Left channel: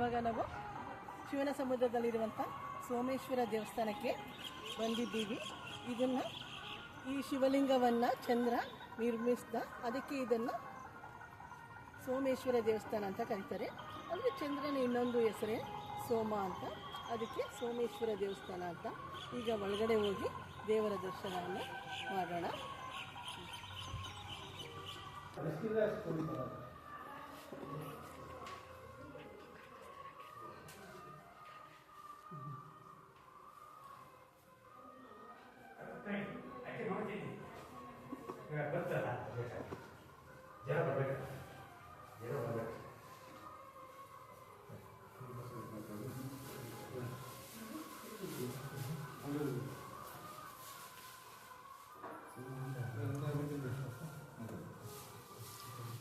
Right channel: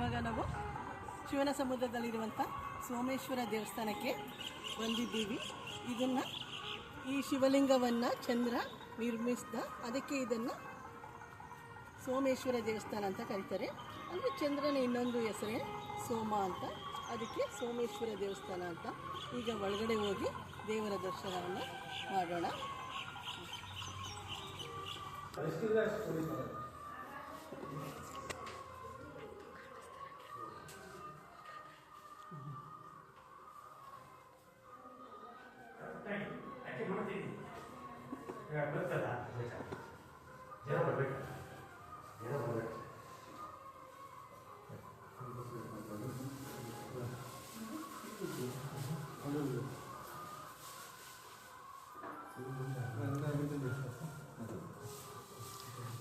ಇವಾಗ ನಾವು ಶಿವನ ಸಮುದ್ರದಲ್ಲಿರುವಂಥ ಸೋಮೇಶ್ವರ ದೇವಸ್ಥಾನಕ್ಕೆ ಬಂದಿದ್ದೀವಿ. ಇದನ್ನು ಈ ಶಿವಲಿಂಗವನ್ನು ಚಂದ್ರ ನಿರ್ಮಿಸಿದ, ಅದಕ್ಕೆ ಇದನ್ನು ಸೋಮೇಶ್ವರ ದೇವಸ್ಥಾನ ಅಂತ ಕರೀತಾರೆ. ಅಂದರೆ ಚಂದ್ರನ ಇನ್ನೊಂದು ಹೆಸರೇ ಸೋಮ ಅಂತ. ಅದಕ್ಕೆ ಸೋಮೇಶ್ವರ ದೇವಸ್ಥಾನ ಅಂತ. ಈಗ ಒಳಗಡೆ ಹೋಗಿ ದೇವರ ದರ್ಶನವನ್ನು ಮಾಡೋಣ.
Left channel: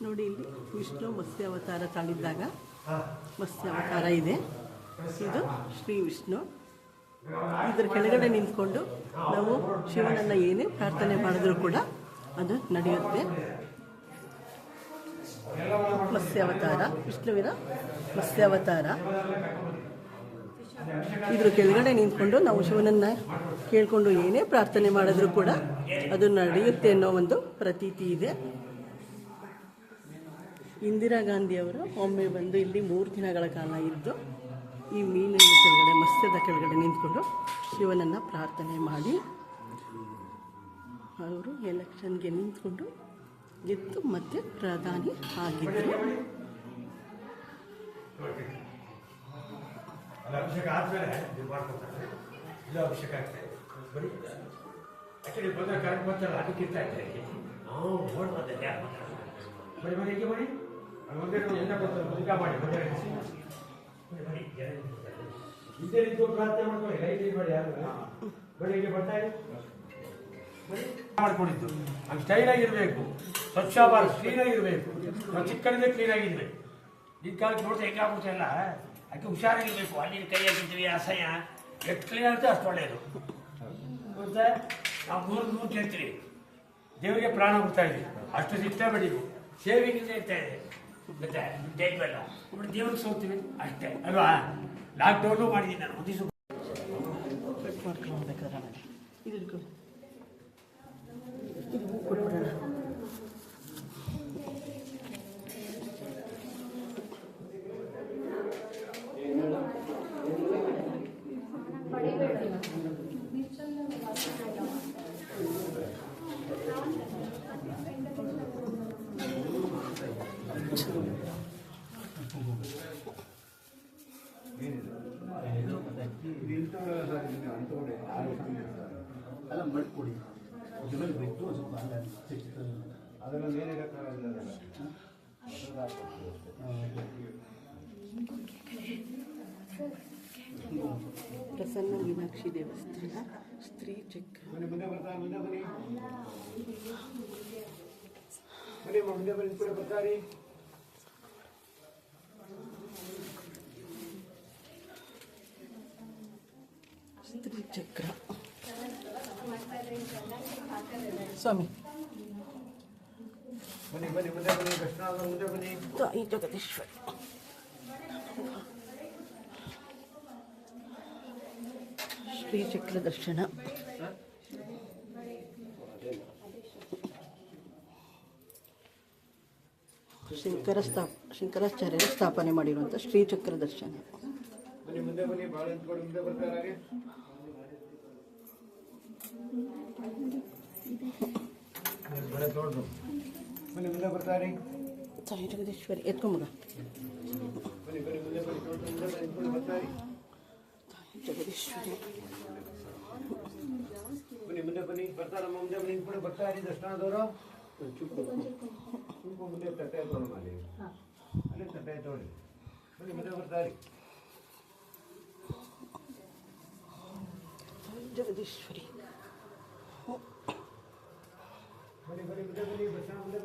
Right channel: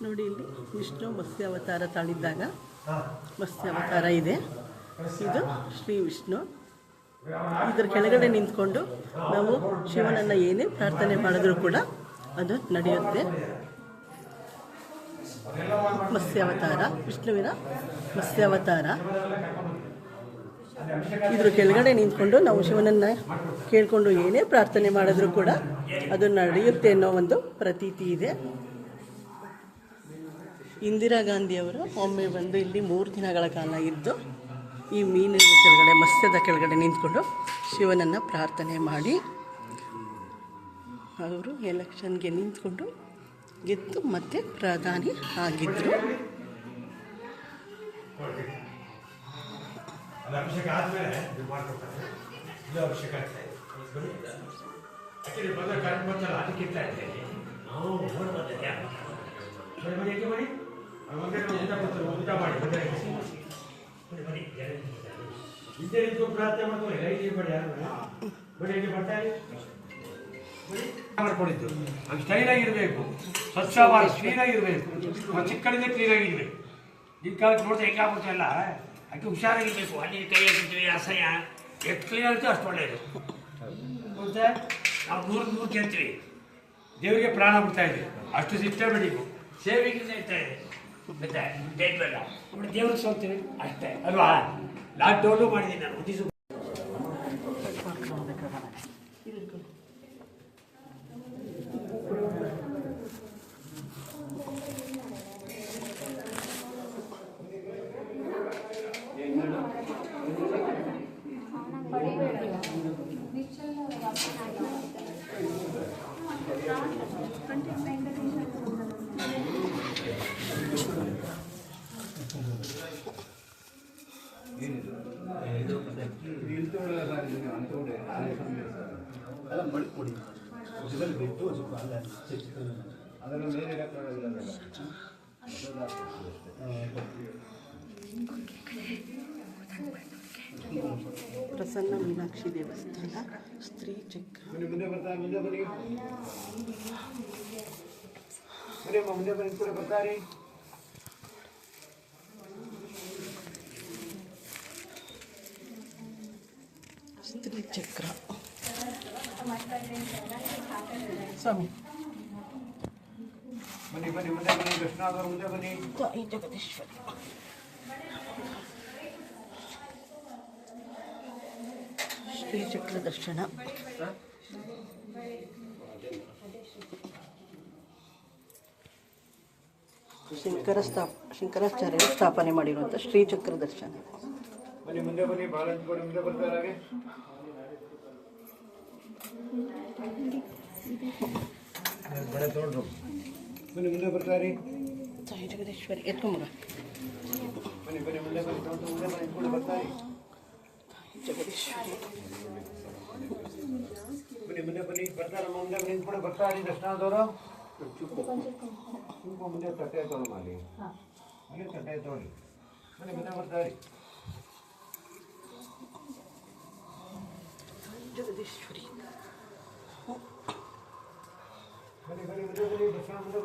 ನೋಡಿ ಇಲ್ಲಿ ವಿಷ್ಣು ಮತ್ಸ್ಯಾವತಾರ ತಾಳಿದ್ದಾಗ ಮತ್ಸ್ಯಾವತಾರ ಇದೆ. ಇದು ಶ್ರೀ ವಿಷ್ಣು. ಇದರ ಕೆಳಗಡೆ ನಿಂತ್ಕೊಂಡು ನಾವು ಶಿವನನ್ನು ಏನೇ ಪ್ರಾರ್ಥನೆ ಮಾಡಿದ್ರೂ ಕೂಡ ಅದು ನಡೆಯುತ್ತೆ. ಮತ್ಸ್ಯಾವತಾರ, ವಿಷ್ಣುವಿನ ಮತ್ಸ್ಯಾವತಾರ. ಇದ್ರ ಕೆಳಗಡೆ ನಿಂತ್ಕೊಂಡು ನಾವು ಶಿವನನ್ನ ಕೇಳಿಕೊಂಡು ಏನೇ ಪ್ರಾರ್ಥನೆ ಮಾಡಿದ್ರೂ ಕೂಡ ಅದು ನಡೆಯುತ್ತೆ ಅನ್ನೋ ಒಂದು ಪ್ರತೀತಿ ಇದೆ. ಇಂದಿರಾ ಗಾಂಧಿಯವರು ಒಮ್ಮೆ ಬಂದು ಇಲ್ಲಿ ಮೂರು ದಿನಗಳ ಕಾಲ ಇದ್ದು ಈ ಮೀನಿನ ಕೆಳಗಡೆ, ಮತ್ಸ್ಯದ ಕೆಳಗಡೆ ನಿಂತ್ಕೊಂಡು ಶಿವನನ್ನು ಪ್ರಾರ್ಥನೆ ಮಾಡಿ. ಅವರು ಎಲೆಕ್ಷನ್ಗೆ ನಿಂತ್ಕೊಂಡು ಗೆದ್ದು ಮತ್ತೆ ಪ್ರಧಾನಿ ಆಗಿದ್ದರು ಆದ್ಮೇಲೆ ಇದು ನಾವು ನಾವು ರೀತಿ ಪ್ರಾರ್ಥನೆ ಮಾಡ್ಕೊಳ್ಳಿ ಲೈಟ್ ಇರಬೇಡಿ ಯಾರು ಬನ್ನಿ ಇಲ್ಲಿ. ಬರ್ತಾರೆ ಮಾಡ್ಕೊಂಡಿದ್ದು ಆಗಿರಬೇಕು. ಸ್ವಚ್ಛ ಭಾರತ್ ಕ್ಲೀನ್ ಆಗಿರಬೇಕು. ಚಿಕ್ಕಳಿಂದ ಕ್ಲೀನ್ ಆಗಿರ್ಬೇಕು. ಈ ಕಾಲಕ್ಕೆ ನೋಡಿದ್ರೆ ಹೆಂಗಾಗುತ್ತೆ ಎಲ್ಲ ಅದಕ್ಕೆ ಹುಷಾರಾಗಿರಬೇಕು ಅಲ್ಲಿ ಕೈ ಹಾಕಿರ್ತೀವಿ ಅಸಹ್ಯ ಎಷ್ಟು ಕ್ಲೀನ್ ಆಗುತ್ತೆ ಅಷ್ಟು ಒಳ್ಳೆಯದು ಮತ್ತೆ ನಾವು ನೂರು ನೂರು ತಿಂತೀವಿ ದೇವರಿಗೆ ಪ್ರಾಣ ಬಿಡ್ತಾ ಇದ್ವಿ ಅಷ್ಟು ಸಿಸ್ಟಮ್ ನೀವು ಸೇವಿಂಗ್ ಇರ್ತಾ ಇದೆ ಮತ್ತೆ ದುಡ್ಡು ಬಟ್ ದೇವ್ರಿಗೆ ಸೋಲ್ತೀವಿ ಅಷ್ಟೇ. ಅಲ್ವಾ? ಲಾಕ್ ಡೌನ್ಲೋಡ್ ಮಾಡಿದ್ದೀನಿ ನಾನು ಒಂದು ದಿವ್ಸ ಅದರ ಮೇಲೆ ಇರಕ್ಕಾಗಲ್ಲ ಪ್ರಸನ್ನ ಮೀನಾಕ್ಷಿ ದೇವಸ್ಥಾನ ಸ್ತ್ರೀ ಚಕ್ರ ಬನ್ನಿ ಮುಂದೆ ಬರ್ತಾ ಮುಂದೆ ಬನ್ನಿ. ಮುಂದೆ ಬನ್ನಿ ಕೂಡ ಬರ್ತಾರಿ ಸ್ತ್ರೀ ಚಕ್ರ ಸ್ವಾಮಿ. ಬನ್ನಿ ಬನ್ನಿ ಮುಂದೆ ಬನ್ನಿ ದರ್ಶನ ಮುಂದೆ ಬನ್ನಿ. ತಾಯಿ ಜಗದೀಶ್ವರಿ. ಶ್ರೀ ಚಕ್ರ ದರ್ಶನ. ಶಂಕರ ಸ್ಥಾಪ ಶಂಕರಾಚಾರ್ಯರು ಸ್ಥಾಪನೆ ಮಾಡಿರುವಂಥ ಶ್ರೀಚಕ್ರ ದರ್ಶನ. ಬನ್ನಿ ಮುಂದೆ ಬನ್ನಿ ಭಾಳ ಹಂಚ್ಕೊಂಡು ಮುಂದೆ ಬರ್ತಾರೆ ಹಾಗೆ ಬಳೆ ತೋಡ್ರು ಬನ್ನಿ ಮುಂದೆ ಬರ್ತಾರಿ ತಾಯಿ ಜಗದೀಶ್ವರಿ ಎತ್ಕೊಂಬ ಬನ್ನಿ ಬನ್ನಿ ಮುಂದೆ ಬನ್ನಿ ತೋಟ ಮುಂದೆ ಬನ್ನಿ ಕೂಡ ಬರ್ತಾರಿ ಜಗದೀಶ್ವರಿ ಬನ್ನಿ ಮುಂದೆ ಬನ್ನಿ ಬರ್ತಾರಮ್ಮ ಮುಂದೆ ಬನ್ನಿ ಕೂಡ ಬರ್ತಾರಿ ದರ್ಶನ ಆದವರು ತುಂಬ ಮುಂದೆ ತಟ್ಟೆ ತಗೊಳ್ಳಿ ಮಾಡಿ ಹಾಗೆ ತಟ್ಟೆ ತಗೊಳ್ಳಿ ಬನ್ನಿ ಮುಂದೆ ಬರ್ತಾರಿ ಜಗದೀಶ್ವರಿ ಬನ್ನಿ ಬನ್ನಿ ಮುಂದೆ